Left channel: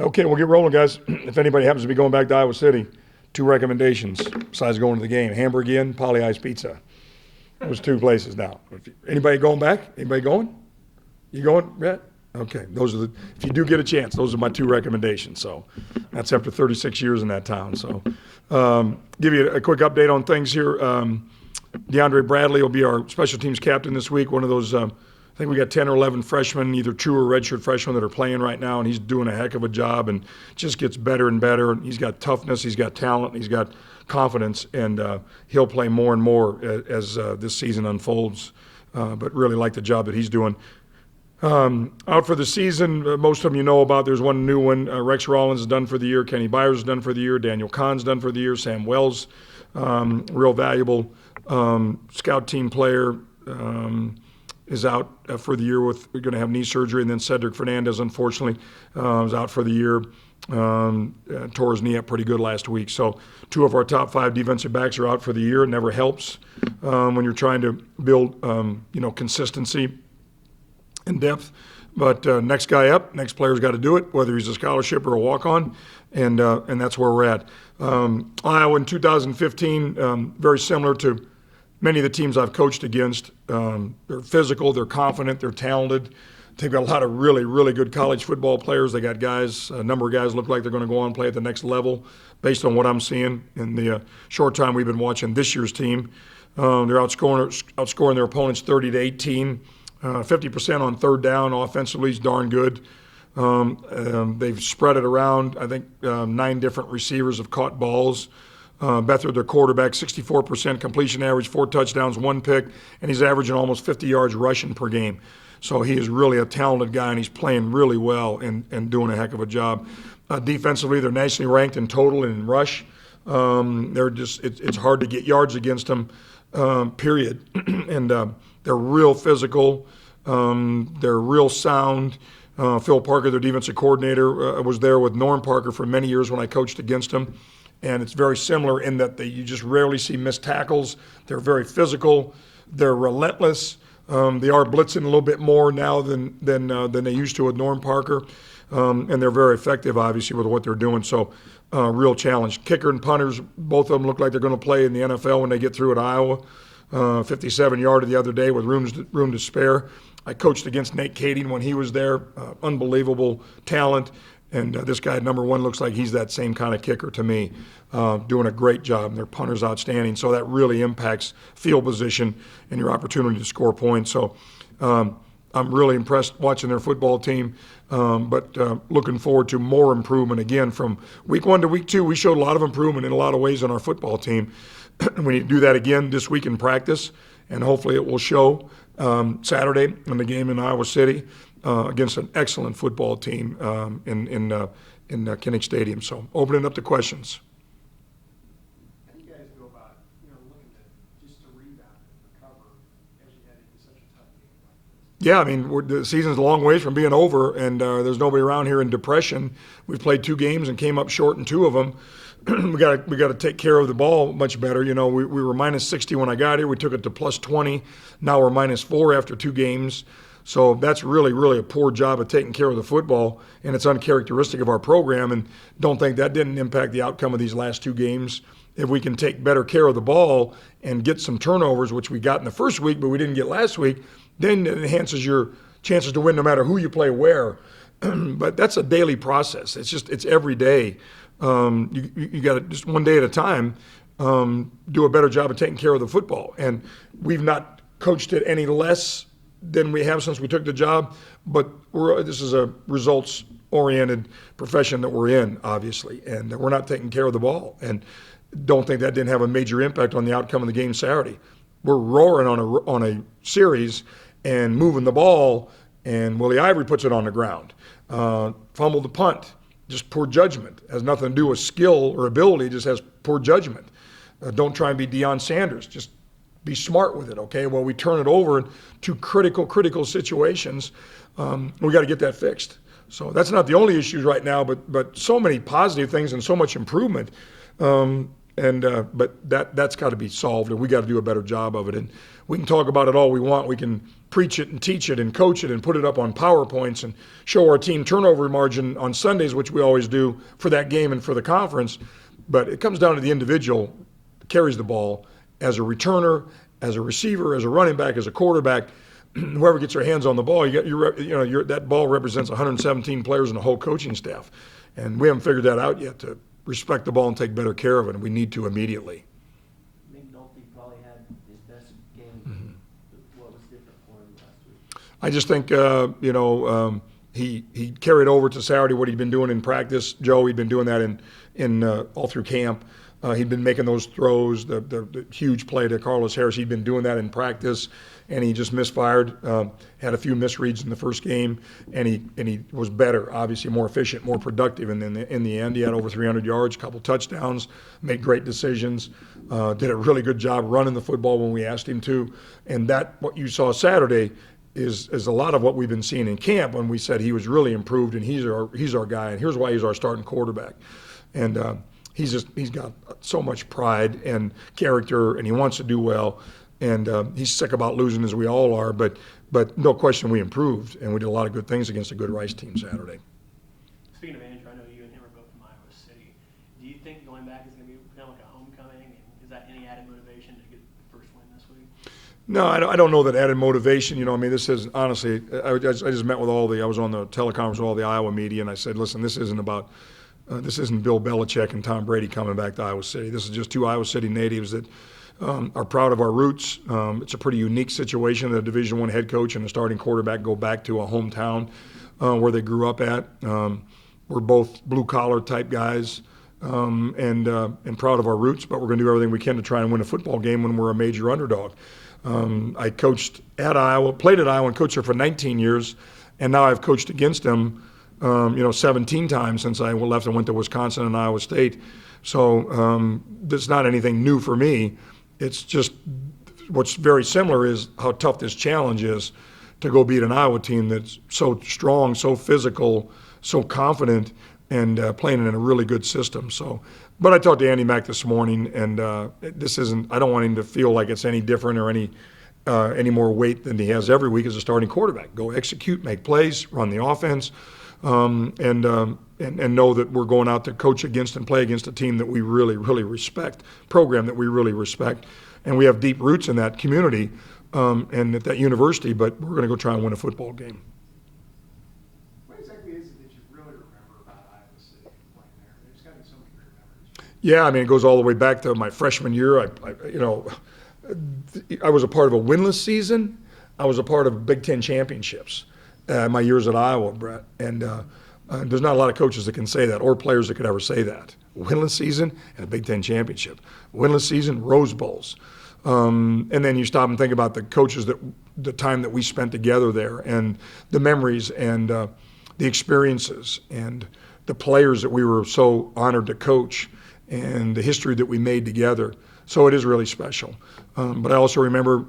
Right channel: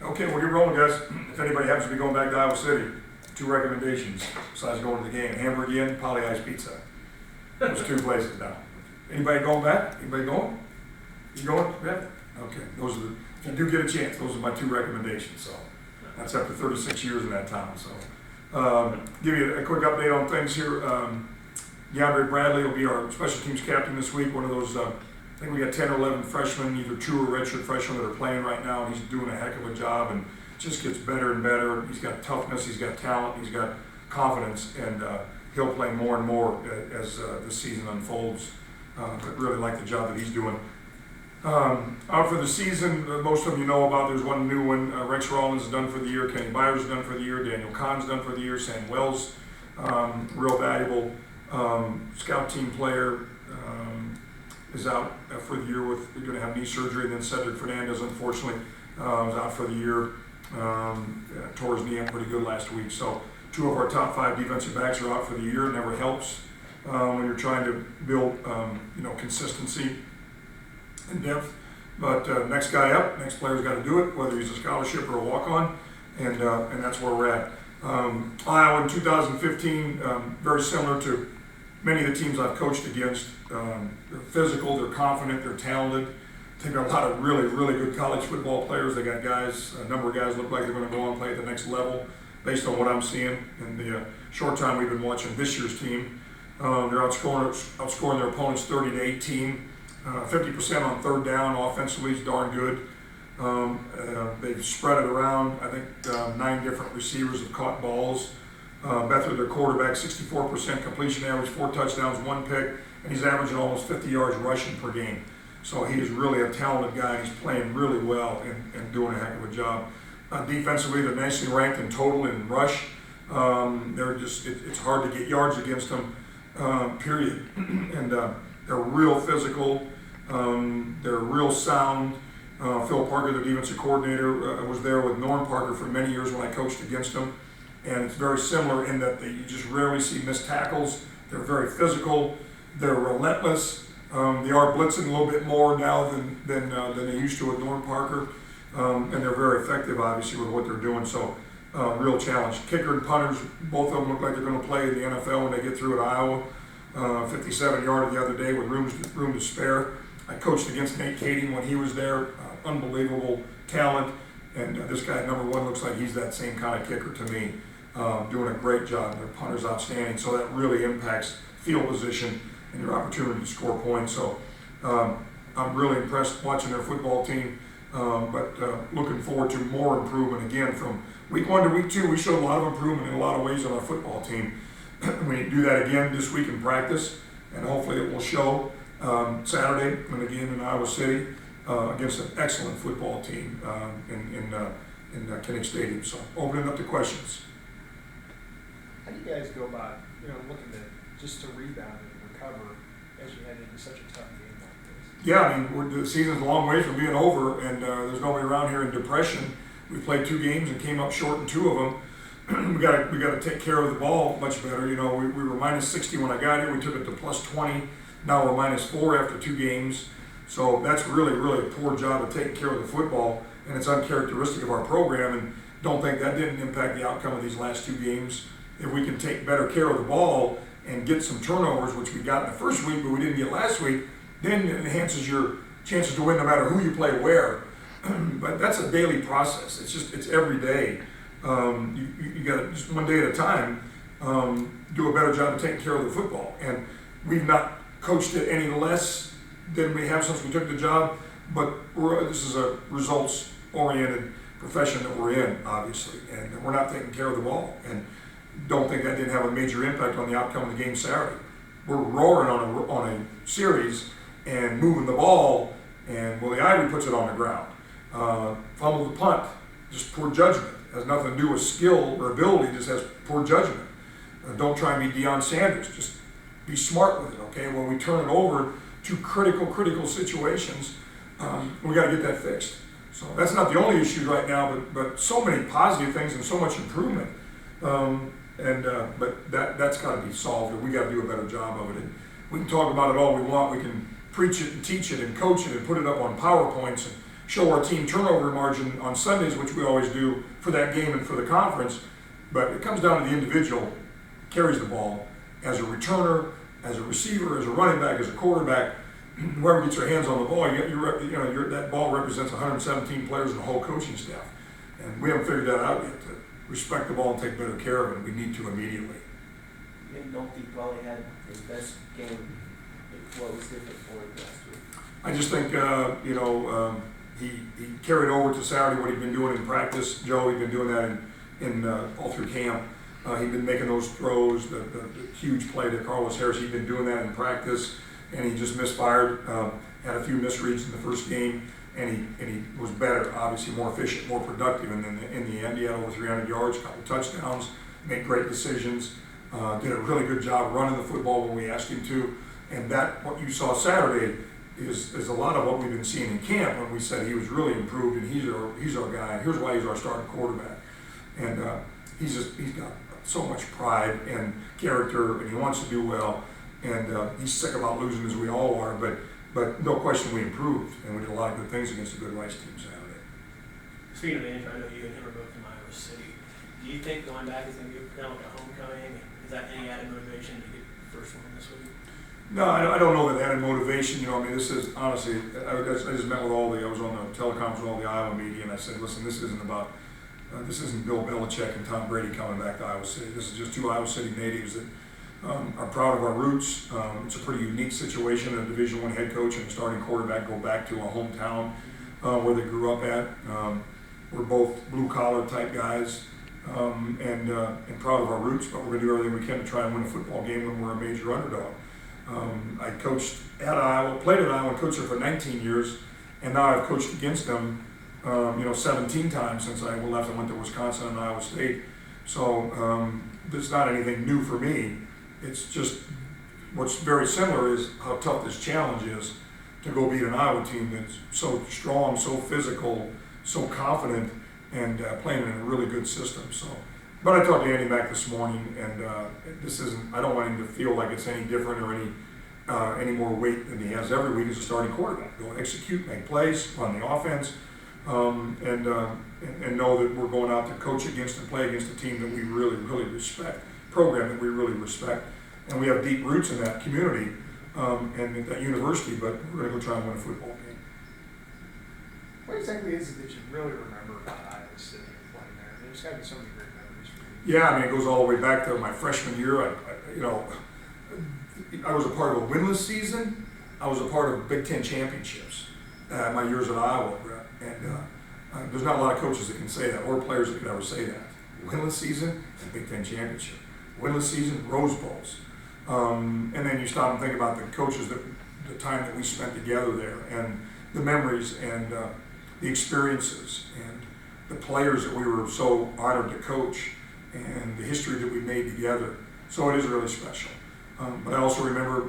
Okay, we'll get rolling, guys. If anybody happens to be going back to Iowa City, 2 recommendations besides going to the game: Hamburg Inn, Poly Ice Pizza. Those 2 places now. Anybody going back? Anybody going? You going? Yeah. Okay. Those are the. If you do get a chance, those are my 2 recommendations. So that's after 36 years in that town. So give you a quick update on things here. DeAndre Bradley will be our special teams captain this week. One of those. I think we got 10 or 11 freshmen, either true or redshirt freshmen, that are playing right now, and he's doing a heck of a job and just gets better and better. He's got toughness, he's got talent, he's got confidence, and he'll play more and more as this season unfolds. But really like the job that he's doing. Out for the season, most of them you know about. There's one new one. Rex Rollins is done for the year. Kenny Byers is done for the year. Daniel Kahn's done for the year. Sam Wells, real valuable scout team player. Is out for the year with going to have knee surgery, and then Cedric Fernandez, unfortunately, was out for the year. Tore his knee up pretty good last week. So 2 of our top 5 defensive backs are out for the year. It never helps when you're trying to build, consistency and depth. But next guy up, next player's got to do it, whether he's a scholarship or a walk-on, and that's where we're at. Iowa in 2015, very similar to many of the teams I've coached against. They're physical, they're confident, they're talented. They've got a lot of really, really good college football players. They got guys, a number of guys look like they're going to go on and play at the next level based on what I'm seeing in the short time we've been watching this year's team. They're outscoring their opponents 30-18. 50% on third down offensively is darn good. They've spread it around. I think 9 different receivers have caught balls. Beathard, their quarterback, 64% completion average, 4 touchdowns, 1 pick, and he's averaging almost 50 yards rushing per game. So he is really a talented guy, and he's playing really well and doing a heck of a job. Defensively, they're nicely ranked in total and in rush. It's hard to get yards against them, period. And they're real physical. They're real sound. Phil Parker, their defensive coordinator, was there with Norm Parker for many years when I coached against him. And it's very similar in that you just rarely see missed tackles. They're very physical. They're relentless. They are blitzing a little bit more now than they used to with Norm Parker. And they're very effective, obviously, with what they're doing. So, real challenge. Kicker and punters, both of them look like they're going to play in the NFL when they get through at Iowa. 57-yarder the other day with room to spare. I coached against Nate Kading when he was there. Unbelievable talent. And this guy, number 1, looks like he's that same kind of kicker to me. Doing a great job, and their punter's outstanding. So that really impacts field position and your opportunity to score points. So I'm really impressed watching their football team, but looking forward to more improvement again from week 1 to week 2. We showed a lot of improvement in a lot of ways on our football team. We need to do that again this week in practice, and hopefully it will show Saturday in the game in Iowa City against an excellent football team in Kinnick Stadium. So open it up to questions. Guys go about, looking just to rebound and recover as you head into such a tough game like this? Yeah, I mean, the season's a long ways from being over, and there's nobody around here in depression. We've played 2 games and came up short in 2 of them. we got to take care of the ball much better. We were minus 60 when I got here. We took it to plus 20. Now we're minus 4 after 2 games. So that's really, really a poor job of taking care of the football, and it's uncharacteristic of our program. And don't think that didn't impact the outcome of these last 2 games. If we can take better care of the ball and get some turnovers, which we got in the first week, but we didn't get last week, then it enhances your chances to win no matter who you play where. But that's a daily process. It's every day. You got to, just one day at a time, do a better job of taking care of the football. And we've not coached it any less than we have since we took the job, but this is a results-oriented profession that we're in, obviously, and we're not taking care of the ball. And don't think that didn't have a major impact on the outcome of the game Saturday. We're roaring on a series and moving the ball, and Willie Ivory puts it on the ground. Fumbled the punt, just poor judgment. Has nothing to do with skill or ability, just has poor judgment. Don't try and be Deion Sanders. Just be smart with it, okay? Well, we turn it over to critical situations. We got to get that fixed. So that's not the only issues right now, but so many positive things and so much improvement. But that's got to be solved, and we got to do a better job of it. And we can talk about it all we want. We can preach it and teach it and coach it and put it up on PowerPoints and show our team turnover margin on Sundays, which we always do for that game and for the conference. But it comes down to the individual carries the ball as a returner, as a receiver, as a running back, as a quarterback. Whoever gets their hands on the ball, that ball represents 117 players and the whole coaching staff. And we haven't figured that out yet to respect the ball and take better care of it. We need to immediately. And don't think probably had his best game. What was different for him last week? I just think, he carried over to Saturday what he'd been doing in practice. Joe, he'd been doing that in all through camp. He'd been making those throws, the huge play to Carlos Harris. He'd been doing that in practice, and he just misfired. Had a few misreads in the first game, and he was better, obviously more efficient, more productive. And then in the end, he had over 300 yards, a couple touchdowns, made great decisions, did a really good job running the football when we asked him to. And that, what you saw Saturday, is a lot of what we've been seeing in camp when we said he was really improved and he's our guy, and here's why he's our starting quarterback. And he's got so much pride and character, and he wants to do well, and he's sick about losing, as we all are, but no question we improved, and we did a lot of good things against a good Rice team Saturday. Speaking of Andrew, I know you and him are both from Iowa City. Do you think going back is going to be kind of like a homecoming? Is that any added motivation to get the first one this week? No, I don't know that added motivation. This is honestly, I just met with I was on the teleconference with all the Iowa media, and I said, listen, this isn't Bill Belichick and Tom Brady coming back to Iowa City. This is just two Iowa City natives that are proud of our roots. It's a pretty unique situation that a Division I head coach and a starting quarterback go back to a hometown where they grew up at. We're both blue-collar type guys and proud of our roots, but we're going to do everything we can to try and win a football game when we're a major underdog. I coached at Iowa, played at Iowa, and coached there for 19 years, and now I've coached against them, 17 times since I left and went to Wisconsin and Iowa State. So it's not anything new for me. It's just what's very similar is how tough this challenge is to go beat an Iowa team that's so strong, so physical, so confident, and playing in a really good system. So. But I talked to Andy Mack this morning, and I don't want him to feel like it's any different or any more weight than he has every week as a starting quarterback. Go execute, make plays, run the offense, and know that we're going out to coach against and play against a team that we really, really respect, program that we really respect. And we have deep roots in that community and at that university, but we're going to go try and win a football game. What exactly is it that you really remember about Iowa City playing there? There's got to be so many great memories for you. Yeah, it goes all the way back to my freshman year. I was a part of a winless season. I was a part of Big Ten championships my years at Iowa, Brett. And there's not a lot of coaches that can say that, or players that could ever say that. Winless season and a Big Ten championship. Winless season, Rose Bowls. And then you stop and think about the coaches the time that we spent together there, and the memories and the experiences and the players that we were so honored to coach, and the history that we made together. So it is really special. But I also remember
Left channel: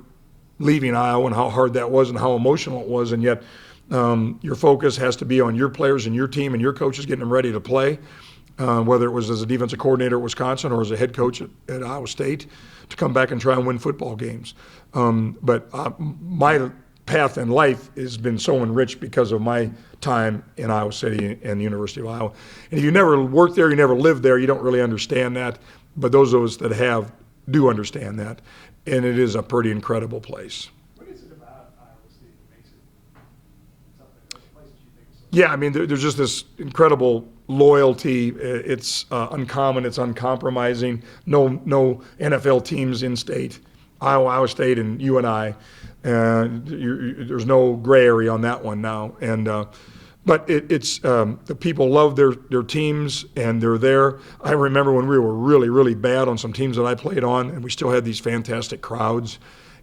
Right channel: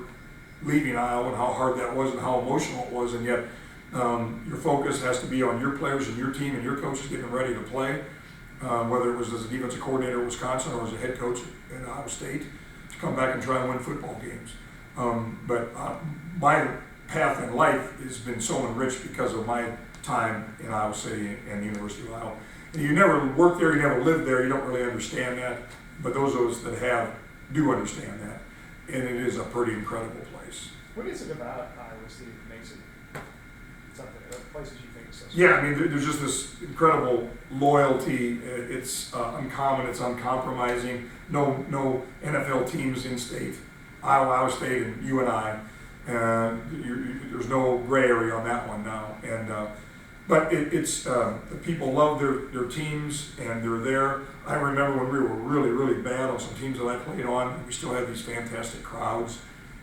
leaving Iowa and how hard that was and how emotional it was, and yet your focus has to be on your players and your team and your coaches getting them ready to play, whether it was as a defensive coordinator at Wisconsin or as a head coach at Iowa State, to come back and try and win football games. But my path in life has been so enriched because of my time in Iowa City and the University of Iowa. And if you never worked there, you never lived there, you don't really understand that. But those of us that have do understand that. And it is a pretty incredible place. What is it about Iowa City that makes it something that places you think so? Yeah, there's just this incredible loyalty. It's uncommon. It's uncompromising. No NFL teams in state. Iowa State, and you and I. There's no gray area on that one now. But it's the people love their teams, and they're there. I remember when we were really, really bad on some teams that I played on, and we still had these fantastic crowds.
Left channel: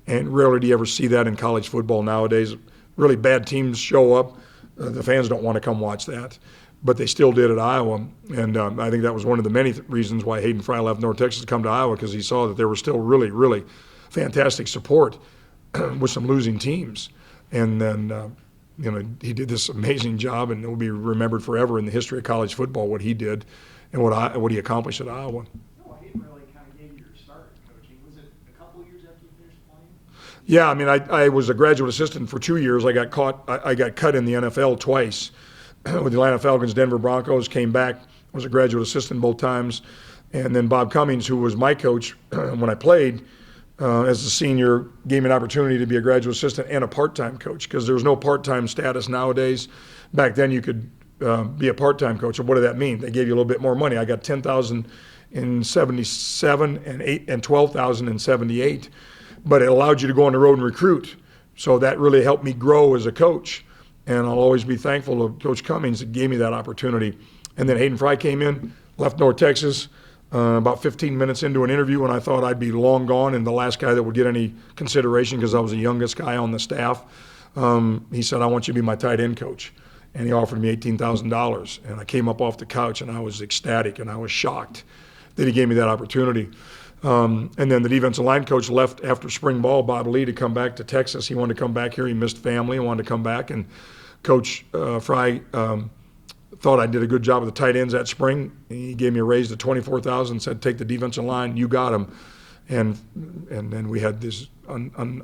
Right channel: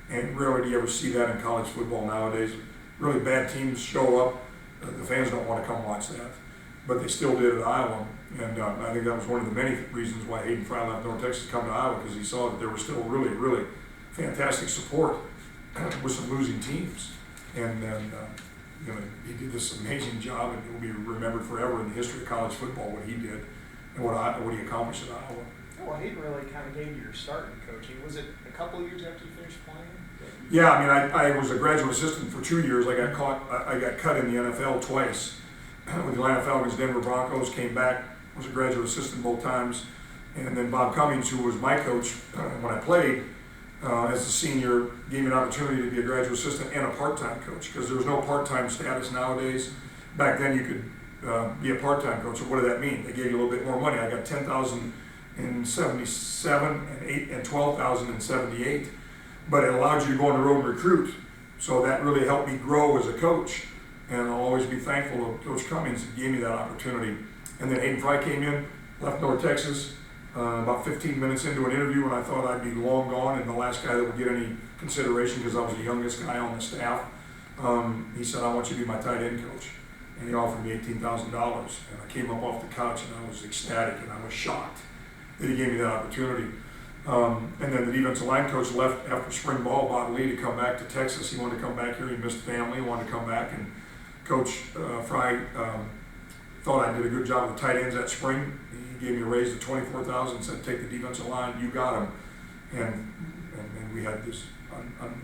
And rarely do you ever see that in college football nowadays. Really bad teams show up. The fans don't want to come watch that. But they still did at Iowa. And I think that was one of the many reasons why Hayden Fry left North Texas to come to Iowa, because he saw that there was still really, really fantastic support with some losing teams. And then he did this amazing job, and it will be remembered forever in the history of college football, what he did and what he accomplished at Iowa. Well, he really kind of gave you your start in coaching. Was it a couple of years after you finished playing? Yeah, I was a graduate assistant for 2 years. I got cut in the NFL twice. with the Atlanta Falcons, Denver Broncos, came back, was a graduate assistant both times. And then Bob Cummings, who was my coach when I played as a senior, gave me an opportunity to be a graduate assistant and a part-time coach, because there was no part-time status nowadays. Back then you could be a part-time coach. So what did that mean? They gave you a little bit more money. I got $10,000 in 77 and $12,000 in 78. But it allowed you to go on the road and recruit. So that really helped me grow as a coach. And I'll always be thankful to Coach Cummings that gave me that opportunity. And then Hayden Fry came in, left North Texas, about 15 minutes into an interview when I thought I'd be long gone and the last guy that would get any consideration because I was the youngest guy on the staff. He said, I want you to be my tight end coach. And he offered me $18,000. And I came up off the couch and I was ecstatic and I was shocked that he gave me that opportunity. And then the defensive line coach left after spring ball, Bob Lee, to come back to Texas. He wanted to come back here. He missed family. He wanted to come back. And Coach Fry thought I did a good job with the tight ends that spring. He gave me a raise to $24,000, said, take the defensive line. You got him. And then we had these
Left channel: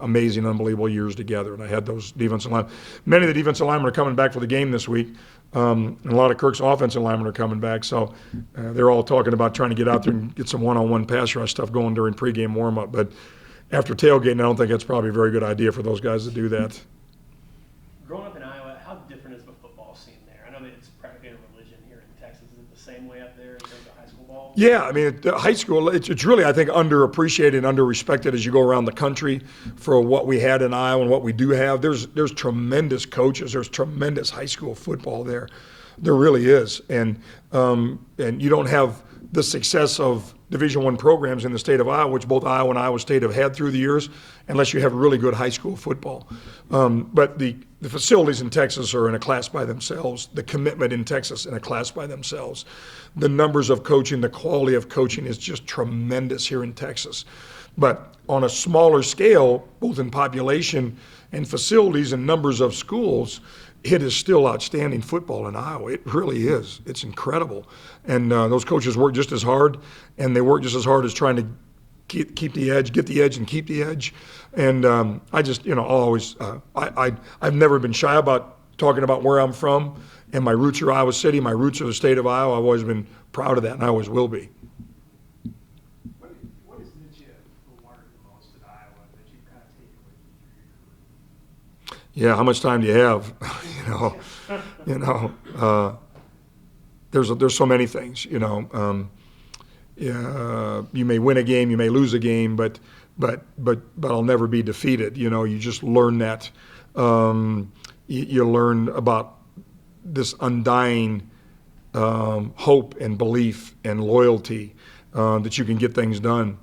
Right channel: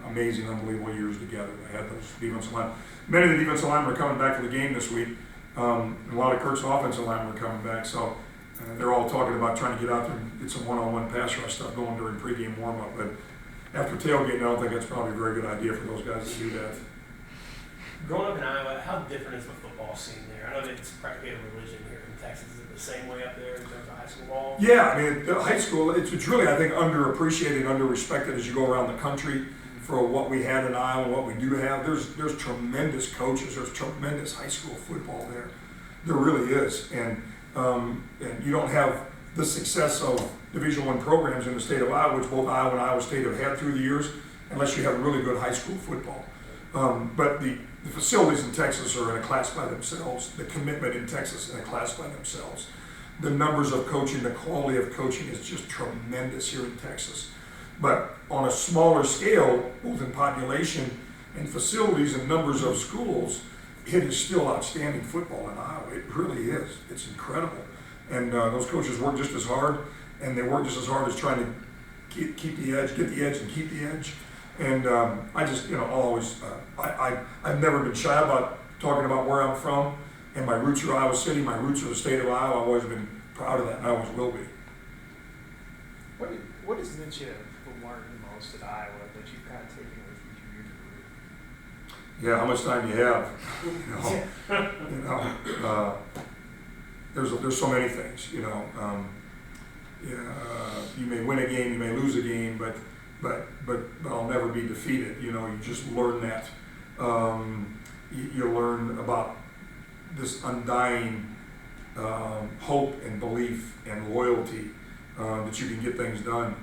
amazing, unbelievable years together. And I had those defensive line. Many of the defensive linemen are coming back for the game this week. And a lot of Kirk's offensive linemen are coming back. So they're all talking about trying to get out there and get some one-on-one pass rush stuff going during pregame warm-up. But after tailgating, I don't think that's probably a very good idea for those guys to do that. Growing up in Iowa, how different is the football scene there? I know that it's practically a religion here in Texas. Is it the same way up there in terms of high school ball? Yeah, I mean, the high school, it's really, I think, underappreciated and underrespected as you go around the country for what we had in Iowa and what we do have. There's tremendous coaches. There's tremendous high school football there. There really is. And you don't have the success of Division I programs in the state of Iowa, which both Iowa and Iowa State have had through the years, unless you have really good high school football. But the facilities in Texas are in a class by themselves. The commitment in Texas in a class by themselves. The numbers of coaching, the quality of coaching is just tremendous here in Texas. But on a smaller scale, both in population and facilities and numbers of schools, it is still outstanding football in Iowa. It really is. It's incredible. And those coaches work just as hard, and they work just as hard as trying to keep the edge, get the edge, and keep the edge. And I just, I'll always, I've never been shy about talking about where I'm from, and my roots are Iowa City, my roots are the state of Iowa. I've always been proud of that, and I always will be. What is it you learned the most at Iowa that you've kind of taken with you through your career? Yeah, how much time do you have? There's so many things. You may win a game, you may lose a game, but I'll never be defeated. You just learn that. You learn about this undying hope and belief and loyalty that you can get things done.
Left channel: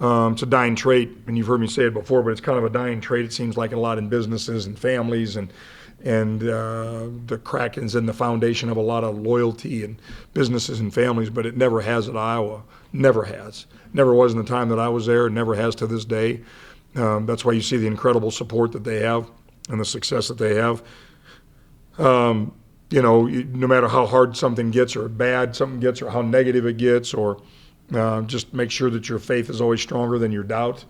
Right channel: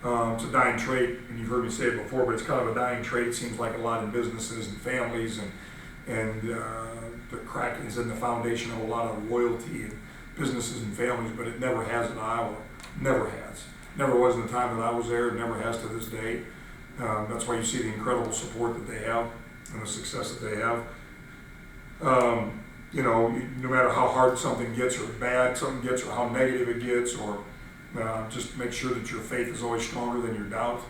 It's a dying trait, and you've heard me say it before, but it's kind of a dying trait. It seems like a lot in businesses and families, and the Kraken's in the foundation of a lot of loyalty in businesses and families, but it never has at Iowa. Never has. Never was in the time that I was there. Never has to this day. That's why you see the incredible support that they have and the success that they have. No matter how hard something gets or bad something gets or how negative it gets, or just make sure that your faith is always stronger than your doubt.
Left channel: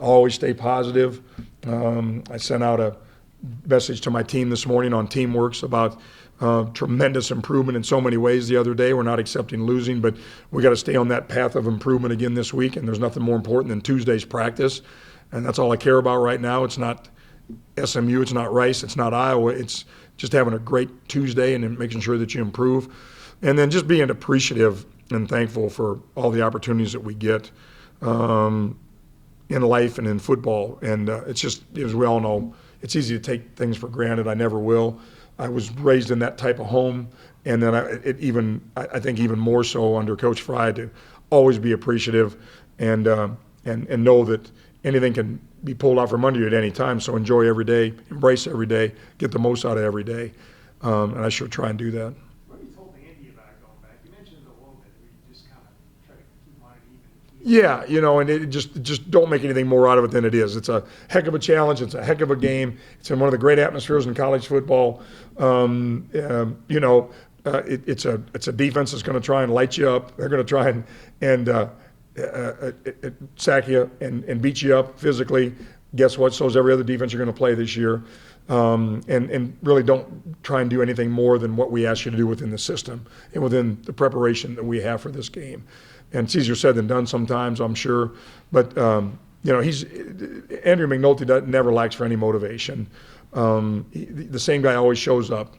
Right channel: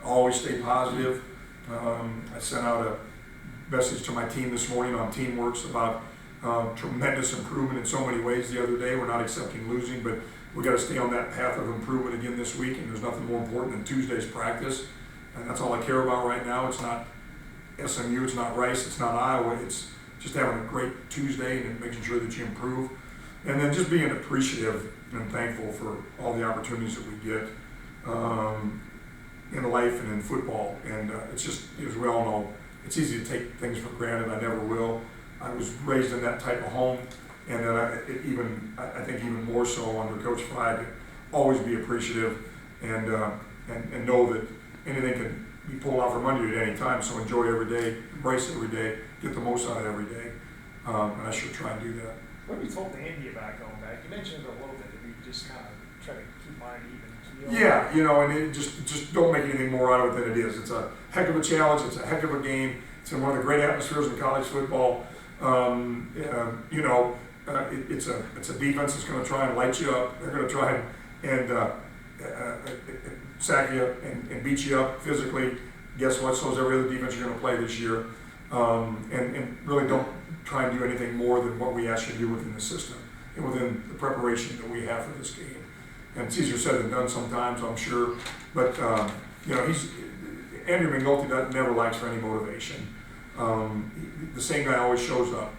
Always stay positive. I sent out a message to my team this morning on Teamworks about tremendous improvement in so many ways the other day. We're not accepting losing, but we got to stay on that path of improvement again this week, and there's nothing more important than Tuesday's practice, and that's all I care about right now. It's not SMU, it's not Rice, it's not Iowa. It's just having a great Tuesday and then making sure that you improve, and then just being appreciative and thankful for all the opportunities that we get in life and in football. And it's just, as we all know, it's easy to take things for granted. I never will. I was raised in that type of home, and then I think even more so under Coach Fry, to always be appreciative and know that anything can be pulled out from under you at any time. So enjoy every day, embrace every day, get the most out of every day, and I sure try and do that. What have you told Andy about going back? You mentioned it a little bit, that we just kind of try to keep mind even. Yeah, and it just don't make anything more out of it than it is. It's a heck of a challenge. It's a heck of a game. It's in one of the great atmospheres in college football. It's a defense that's going to try and light you up. They're going to try and sack you and beat you up physically. Guess what? So is every other defense you're going to play this year. and really don't try and do anything more than what we ask you to do within the system and within the preparation that we have for this game. And it's easier said than done sometimes, I'm sure. But Andrew McNulty never lacks for any motivation. The same guy always shows up.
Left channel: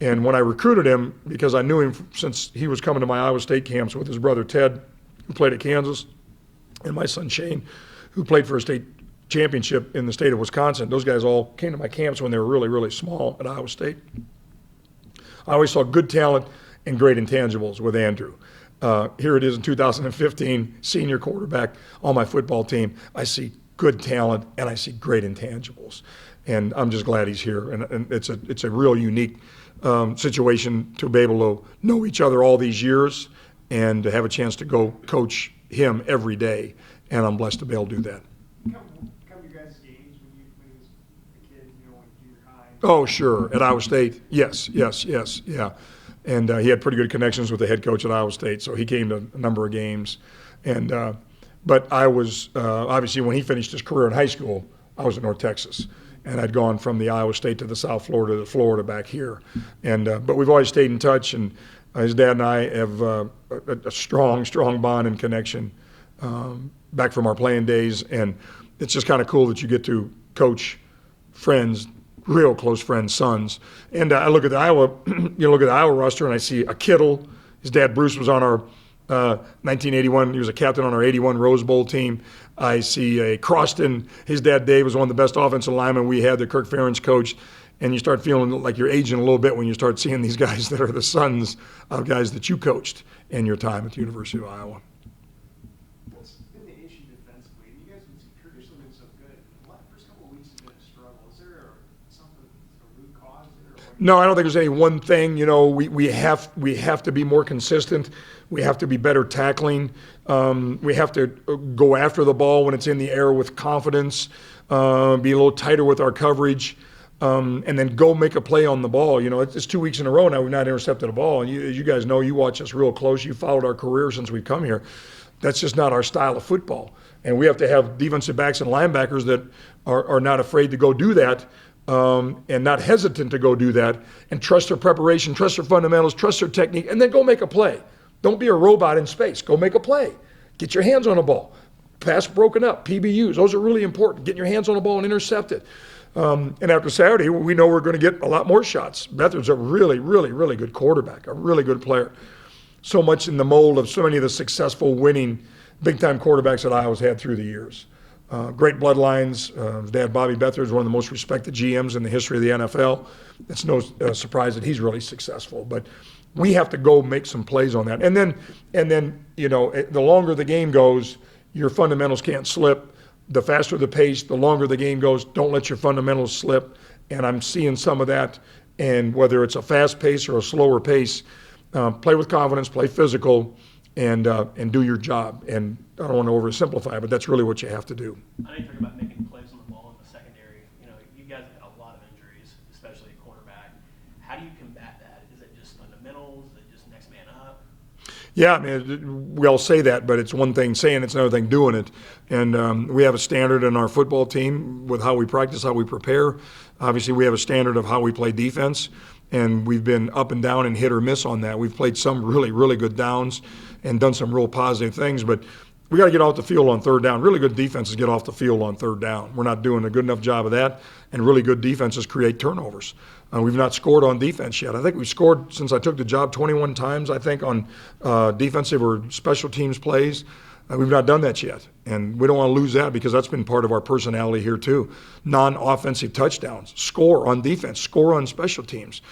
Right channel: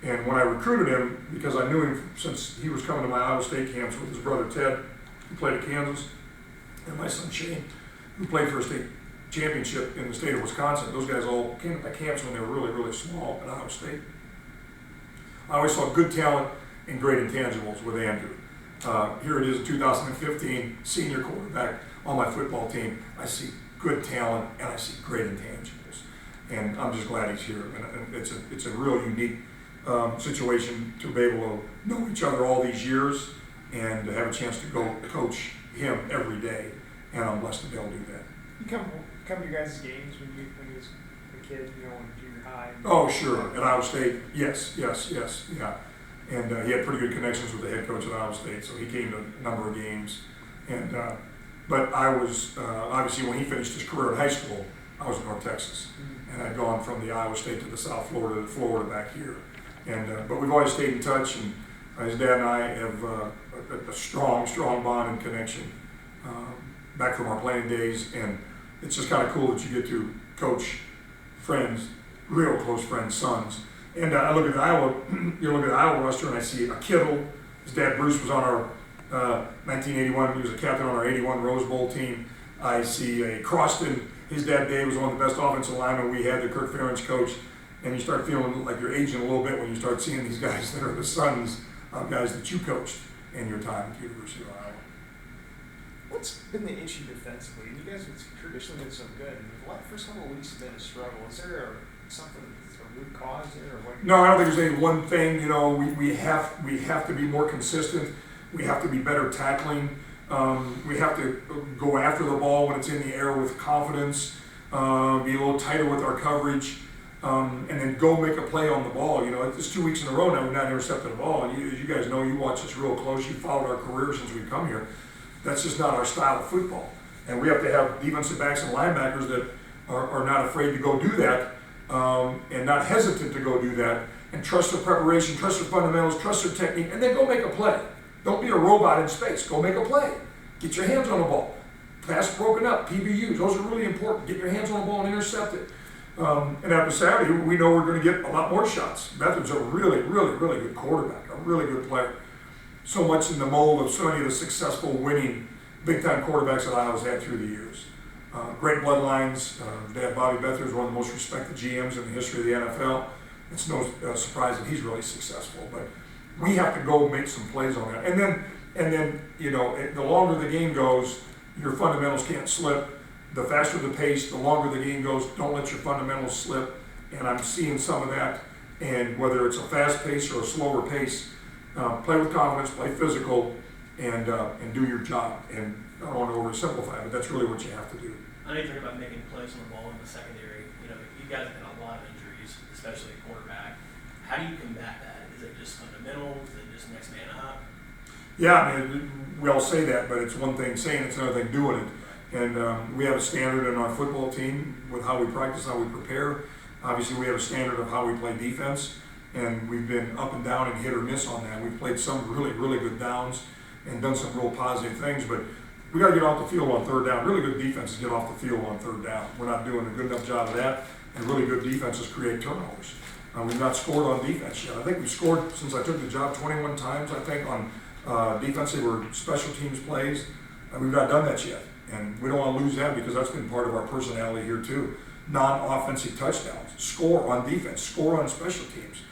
And when I recruited him, because I knew him since he was coming to my Iowa State camps with his brother Ted, who played at Kansas, and my son Shane, who played for a state championship in the state of Wisconsin. Those guys all came to my camps when they were really, really small at Iowa State. I always saw good talent and great intangibles with Andrew. Here it is in 2015, senior quarterback on my football team. I see good talent and I see great intangibles. And I'm just glad he's here. And it's a real unique situation to be able to know each other all these years and to have a chance to go coach him every day. And I'm blessed to be able to do that. Come to your guys' games when you was a kid, in junior high? Oh, sure. At Iowa State, yes, yeah. And he had pretty good connections with the head coach at Iowa State, so he came to a number of games. And but I was obviously when he finished his career in high school, I was in North Texas, and I'd gone from the Iowa State to the South Florida to Florida back here. And but we've always stayed in touch, and his dad and I have a strong bond and connection back from our playing days. And it's just kind of cool that you get to coach friends, real close friends' sons. And I look at the Iowa, look at the Iowa roster, and I see a Kittle. His dad Bruce was on our 1981. He was a captain on our '81 Rose Bowl team. I see a Croston. His dad Dave was one of the best offensive linemen we had, the Kirk Ferentz coach. And you start feeling like you're aging a little bit when you start seeing these guys that are the sons of guys that you coached in your time at the University of Iowa. What's been the issue defensively? You guys have traditionally been so good. The first couple of weeks have been a struggle. Is there something, a root cause there? Or what? No, I don't think there's any one thing. We have to be more consistent. We have to be better tackling. We have to go after the ball when it's in the air with confidence. Be a little tighter with our coverage, and then go make a play on the ball. It's 2 weeks in a row now we've not intercepted a ball. As you guys know, you watch us real close. You followed our career since we come here. That's just not our style of football. And we have to have defensive backs and linebackers that are not afraid to go do that, and not hesitant to go do that, and trust their preparation, trust their fundamentals, trust their technique, and then go make a play. Don't be a robot in space. Go make a play. Get your hands on the ball. Pass broken up, PBUs. Those are really important. Get your hands on the ball and intercept it. And after Saturday, we know we're going to get a lot more shots. Beathard's a really, really, really good quarterback, a really good player. So much in the mold of so many of the successful, winning, big-time quarterbacks that Iowa's had through the years. Great bloodlines. Dad Bobby Beathard is one of the most respected GMs in the history of the NFL. It's no surprise that he's really successful. But we have to go make some plays on that. And then the longer the game goes, your fundamentals can't slip. The faster the pace, the longer the game goes, don't let your fundamentals slip. And I'm seeing some of that. And whether it's a fast pace or a slower pace, play with confidence, play physical, and do your job. And I don't want to oversimplify it, but that's really what you have to do. I know you talk about making plays on the ball in the secondary. You guys have had a lot of injuries, especially at quarterback. How do you combat that? Is it just fundamentals? Is it just next man up? Yeah, we all say that, but it's one thing saying, it's another thing doing it. And we have a standard in our football team with how we practice, how we prepare. Obviously, we have a standard of how we play defense, and we've been up and down and hit or miss on that. We've played some really, really good downs and done some real positive things, but we got to get off the field on third down. Really good defenses get off the field on third down. We're not doing a good enough job of that, and really good defenses create turnovers. We've not scored on defense yet. I think we scored, since I took the job, 21 times, I think, on defensive or special teams plays. We've not done that yet, and we don't want to lose that because that's been part of our personality here too. Non-offensive touchdowns, score on defense, score on special teams.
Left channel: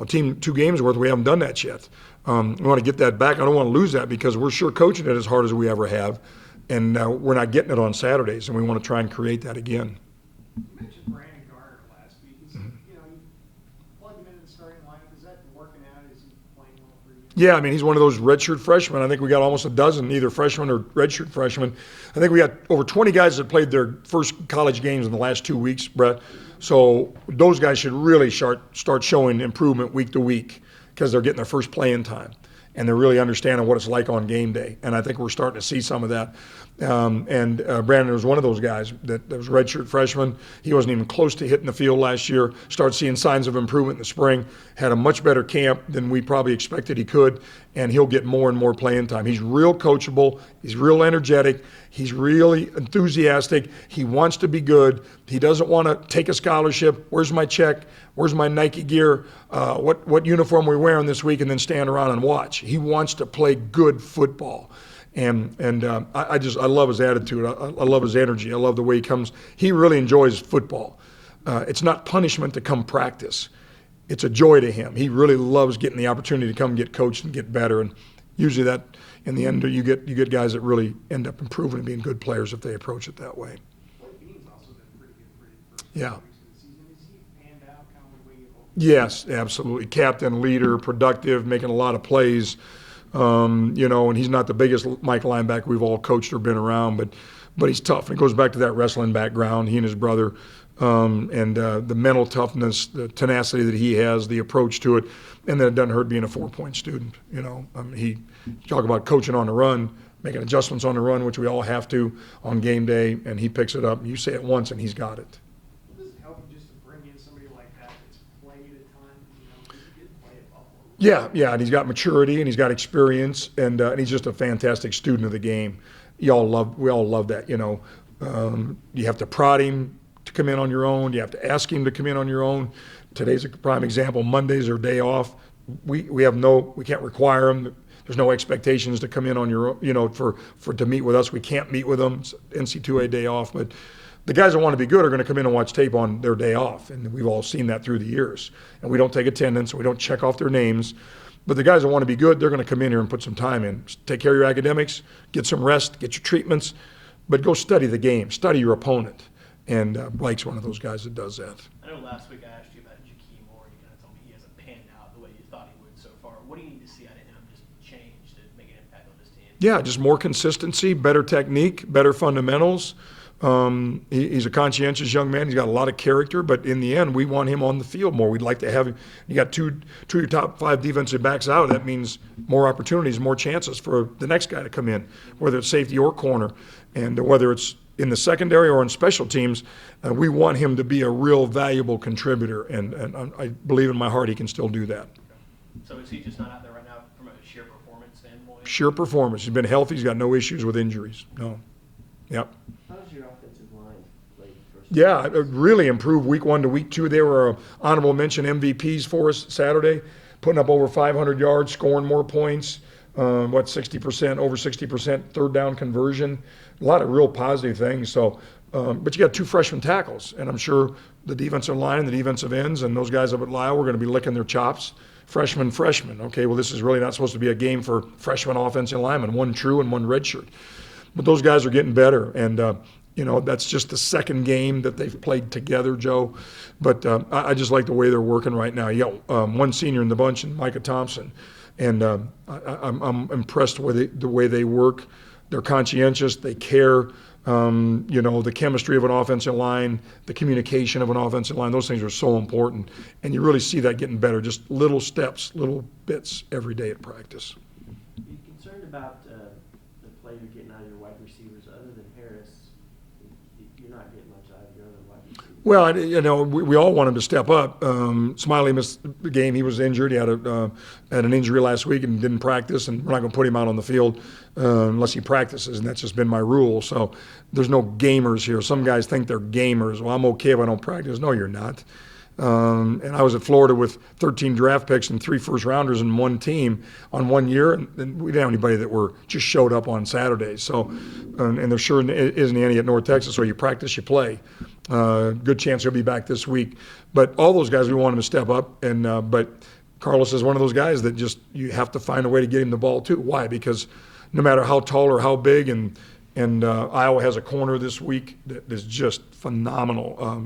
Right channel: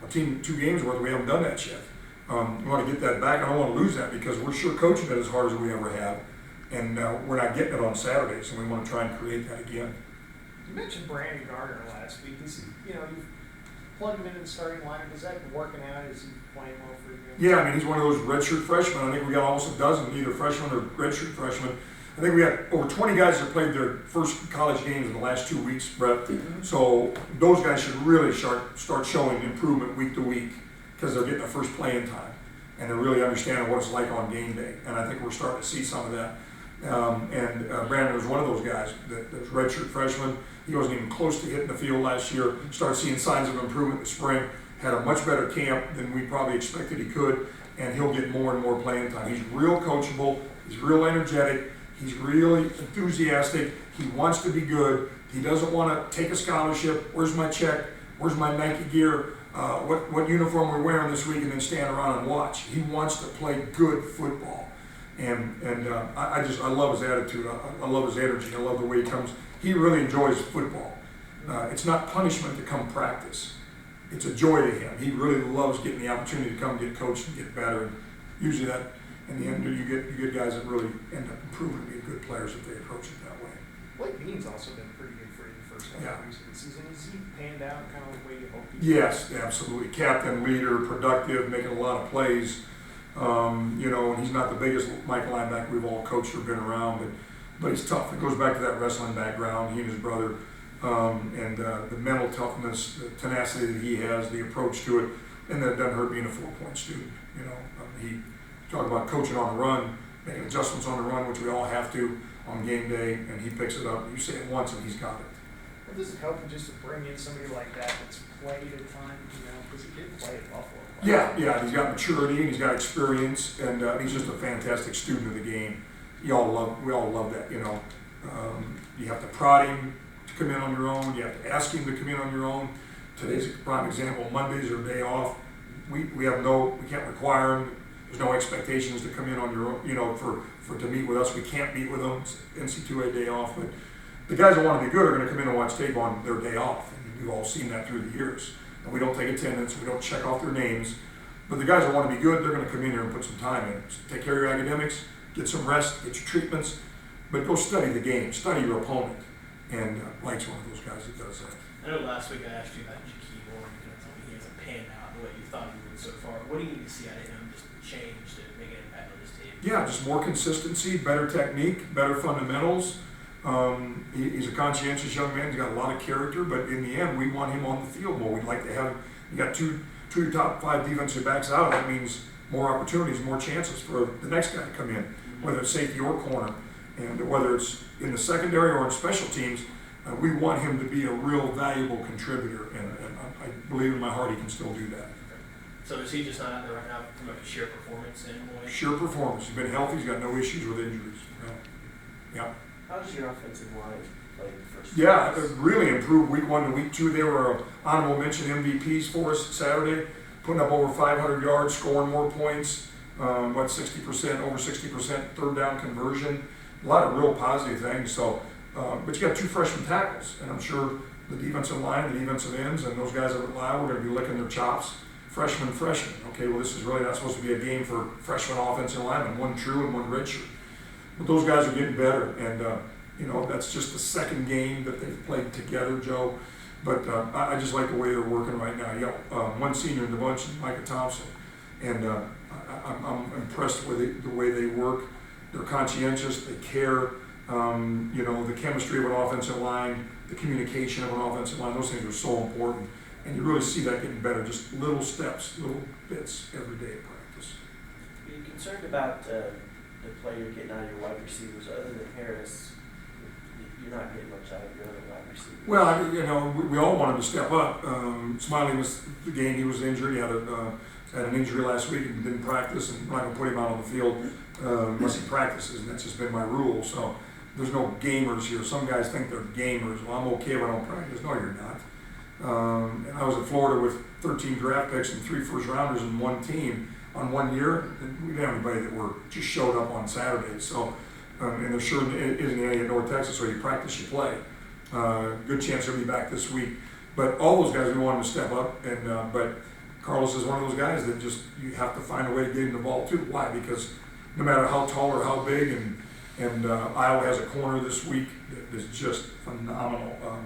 A team 2 games worth, we haven't done that yet. We want to get that back. I don't want to lose that because we're sure coaching it as hard as we ever have, and we're not getting it on Saturdays, and we want to try and create that again. You mentioned Brandon Garner last week. You've plugged him into the starting lineup. Is that working out? Is he playing well for you? Yeah, he's one of those redshirt freshmen. I think we got almost a dozen, either freshmen or redshirt freshmen. I think we got over 20 guys that played their first college games in the last 2 weeks, Brett. So those guys should really start showing improvement week to week because they're getting their first playing time and they're really understanding what it's like on game day. And I think we're starting to see some of that. And Brandon was one of those guys that was redshirt freshman. He wasn't even close to hitting the field last year. Started seeing signs of improvement in the spring. Had a much better camp than we probably expected he could, and he'll get more and more playing time. He's real coachable. He's real energetic. He's really enthusiastic. He wants to be good. He doesn't want to take a scholarship. Where's my check? Where's my Nike gear? What uniform are we wearing this week? And then stand around and watch. He wants to play good football. And I love his attitude. I love his energy. I love the way he comes. He really enjoys football. It's not punishment to come practice. It's a joy to him. He really loves getting the opportunity to come get coached and get better. And usually that, in the end, you get guys that really end up improving and being good players if they approach it that way. Blake Bean's also been pretty good for you the first Yeah. couple weeks of the season. Is he panned out kind of the way you hoped? Yes, absolutely. Captain, leader, productive, making a lot of plays. And he's not the biggest Mike linebacker we've all coached or been around, but he's tough. It goes back to that wrestling background, he and his brother, and the mental toughness, the tenacity that he has, the approach to it, and then it doesn't hurt being a 4-point student. He talk about coaching on the run, making adjustments on the run, which we all have to on game day, and he picks it up. And you say it once, and he's got it. What does it help just to bring in somebody like that that's played a ton, because he did play at Buffalo? Yeah, and he's got maturity and he's got experience, and he's just a fantastic student of the game. We all love that. You have to prod him to come in on your own. You have to ask him to come in on your own. Today's a prime example. Mondays are day off. We can't require him. There's no expectations to come in on your own. For to meet with us, we can't meet with them. It's NC2A day off, but the guys that want to be good are going to come in and watch tape on their day off, and we've all seen that through the years. And we don't take attendance, we don't check off their names. But the guys that want to be good, they're going to come in here and put some time in. Take care of your academics, get some rest, get your treatments, but go study the game, study your opponent. And Blake's one of those guys that does that. I know last week I asked you about Jakeem Moore, and you told me he hasn't panned out the way you thought he would so far. What do you need to see out of him just change to make an impact on this team? Yeah, just more consistency, better technique, better fundamentals. He's a conscientious young man. He's got a lot of character, but in the end, we want him on the field more. We'd like to have him. You got two of your top 5 defensive backs out. That means more opportunities, more chances for the next guy to come in, whether it's safety or corner, and whether it's in the secondary or in special teams. We want him to be a real valuable contributor, and I believe in my heart he can still do that. So is he just not out there right now from a sheer performance standpoint? Sheer performance. He's been healthy. He's got no issues with injuries. No. Yep. How does your offensive line play the first Yeah, two it weeks? really improved week 1 to week 2. They were honorable mention MVPs for us Saturday, putting up over 500 yards, scoring more points, 60%, over 60% third down conversion. A lot of real positive things. So, but you got 2 freshman tackles, and I'm sure the defensive line, the defensive ends, and those guys up at Lyle, we're going to be licking their chops. Freshman. Okay, well, this is really not supposed to be a game for freshman offensive linemen, 1 true and 1 redshirt. But those guys are getting better, and that's just the second game that they've played together, Joe. But I just like the way they're working right now. You got 1 senior in the bunch, Micah Thompson, and I'm impressed with the way they work. They're conscientious, they care. The chemistry of an offensive line, the communication of an offensive line, those things are so important, and you really see that getting better. Just little steps, little bits every day at practice. Are you concerned about the play you're getting out of your wide receivers? Other than Harris, you're not getting much out of your other wide receivers. Well, we all want him to step up. Smiley missed the game. He was injured. He had an injury last week and didn't practice, and we're not going to put him out on the field unless he practices, and that's just been my rule. So there's no gamers here. Some guys think they're gamers. Well, I'm okay if I don't practice. No, you're not. And I was at Florida with 13 draft picks and 3 first-rounders in one team on 1 year. And we didn't have anybody that just showed up on Saturdays. So, and there sure isn't any at North Texas, where you practice, you play. Good chance he'll be back this week. But all those guys, we want him to step up. And but Carlos is one of those guys that just, you have to find a way to get him the ball too. Why? Because no matter how tall or how big, and Iowa has a corner this week that is just phenomenal.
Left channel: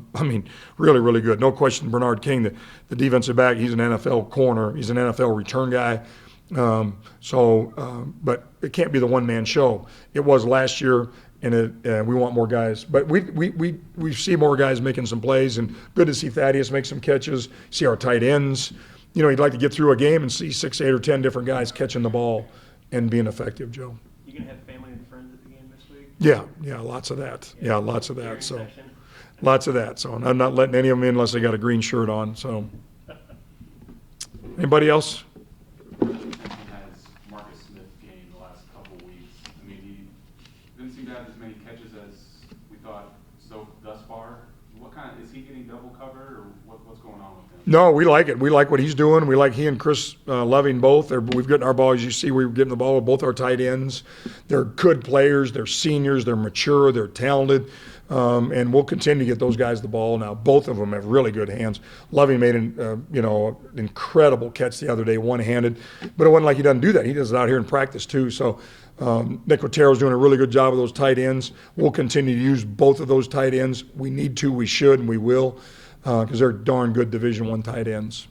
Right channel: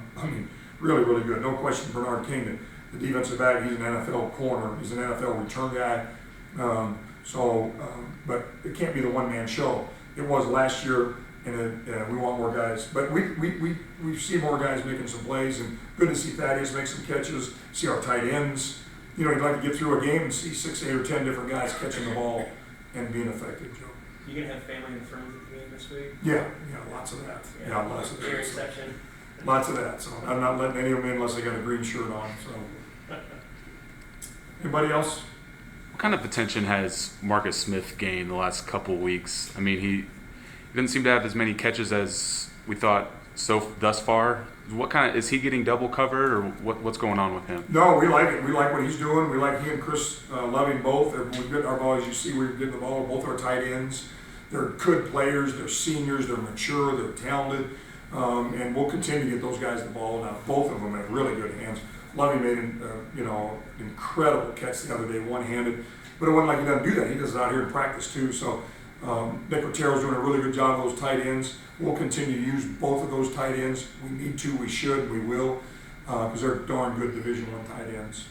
Really, really good. No question, Bernard King, the defensive back, he's an NFL corner. He's an NFL return guy. But it can't be the one-man show. It was last year, and we want more guys. But we see more guys making some plays, and good to see Thaddeus make some catches, see our tight ends. You'd like to get through a game and see 6, 8, or 10 different guys catching the ball and being effective, Joe. You gonna have family and friends at the game this week? Yeah, lots of that. Yeah, lots of that. Cheering So section. lots of that. So and I'm not letting any of them in unless they got a green shirt on. So anybody else? What kind of attention has Marcus Smith gained the last couple weeks? I mean, he didn't seem to have as many catches as we thought thus far. What kind of is he getting double covered, or what's going on with him? No, we like it. We like what he's doing. We like he and Chris Loving both. We've gotten our ball, as you see, we're getting the ball with both our tight ends. They're good players. They're seniors. They're mature. They're talented. And we'll continue to get those guys the ball. Now, both of them have really good hands. Loving made an incredible catch the other day, one-handed. But it wasn't like he doesn't do that. He does it out here in practice, too. So Nick Rotero's doing a really good job of those tight ends. We'll continue to use both of those tight ends. We need to, we should, and we will, because they're darn good Division I tight ends.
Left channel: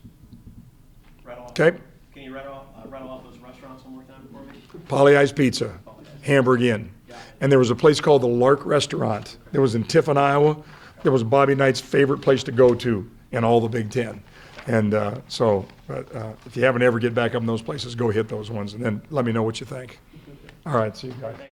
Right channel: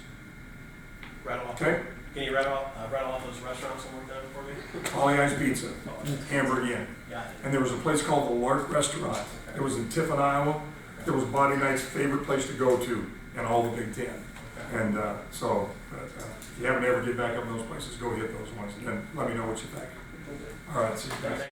Rattle off. Okay? Can you rattle off those restaurants one more time for me? Polly Ice Pizza, Hamburg Inn. Got it. And there was a place called the Lark Restaurant. It was in Tiffin, Iowa. It was Bobby Knight's favorite place to go to in all the Big Ten. And if you haven't ever get back up in those places, go hit those ones, and then let me know what you think. All right, see you. Bye.